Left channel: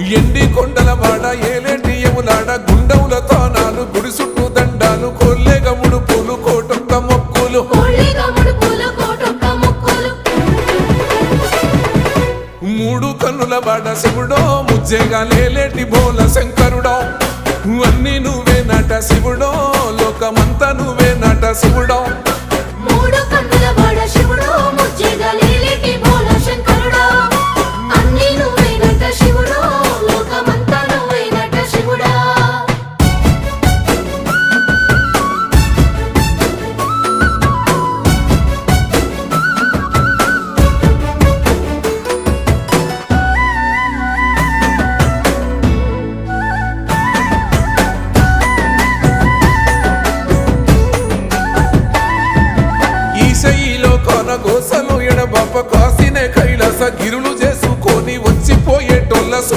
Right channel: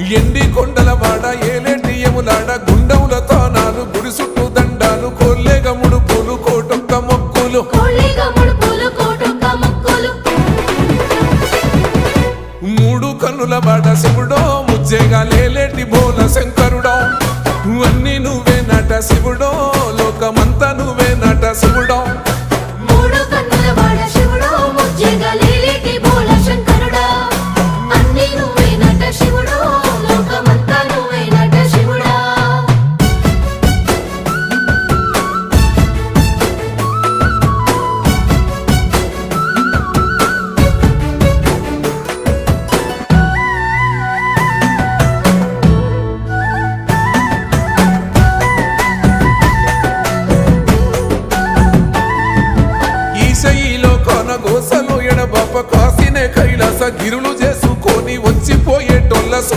ఎండి కొండల వాడ ఏలేటి యములాడ గుండముల తానాలు గుడి చుట్టూ దండాలు కొల్లేగ ముడుపులు కోటొక్క మొక్కులు మూడు కన్నుల వాడ శివుడో ముజ్జేగా లేలేటి బోల శంకరుడో అన్ని నువ్వే నట శివుడో లోకమంతా నువ్వే నట శివుడో ఈశయిలో కొనగోసలు ఎడబాప కాసినే కైలాస గిరులు చేసుకొని వచ్చిపోయేటోళ్ళ